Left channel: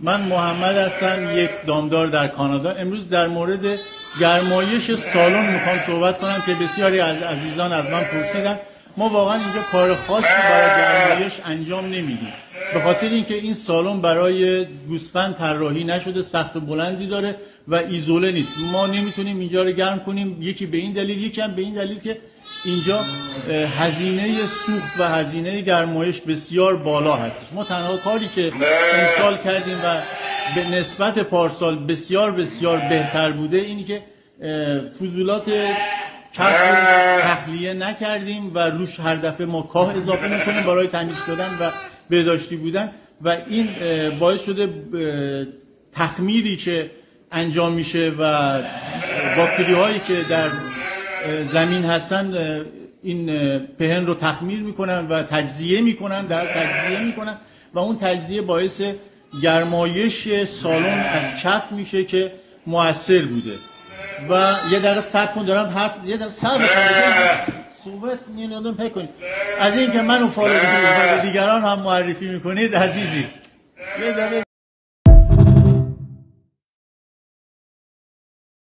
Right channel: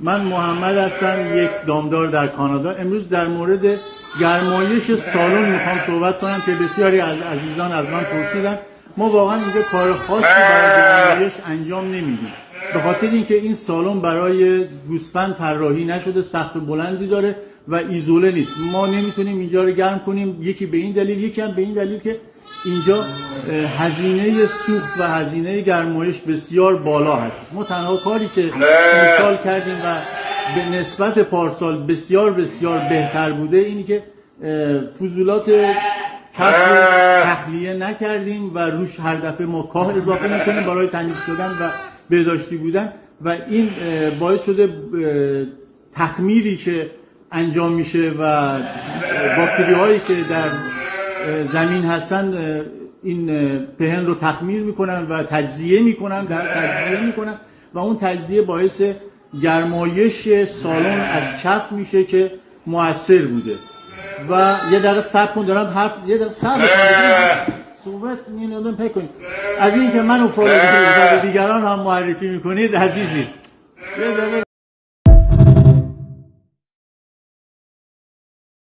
من محمد هستم، یک دامدار در کانادا. امروز در مورد گرمایش سالن میخوام صحبت کنم که بسیاری از عزیزان از من پرسیدن. ما واقعا اینجا کار خاصی برای گرمایش انجام نمیدیم، به خاطر اینکه این سالن برای گوسفند طراحی نشده، سقف بلندی داره و ایزوله نیست. ما نمیتونیم اینجا رو گرم کنیم، یکی به این دلیل، یکی هم به این دلیل که اینجا هزینه سوخت و هزینه گرمایش بسیار بالا هست. ما تنها کاری که امسال کردیم و به نسبت پارسال بسیار بسیار بهتر بوده اینی که فضولات کف رو تخلیه نکردیم و روش هر دفعه ما کاه اضافه میکنیم برای تمیز شدن و بهداشتی بودن و این باعث شده تخمیری که انجام میشه و باکتری هایی که در زمین هستن این پهن رو تخمیر میکنن و تجزیه میکنن، و اون تجزیه باعث گرمایش سالن از کف میشه که مؤثر بوده. و یه دقیقه صبر کن، دارم یه دقیقه صبر صحبت نکنیم از این که منو فالو کنید و به دیگران هم معرفی میکنید عزیزی.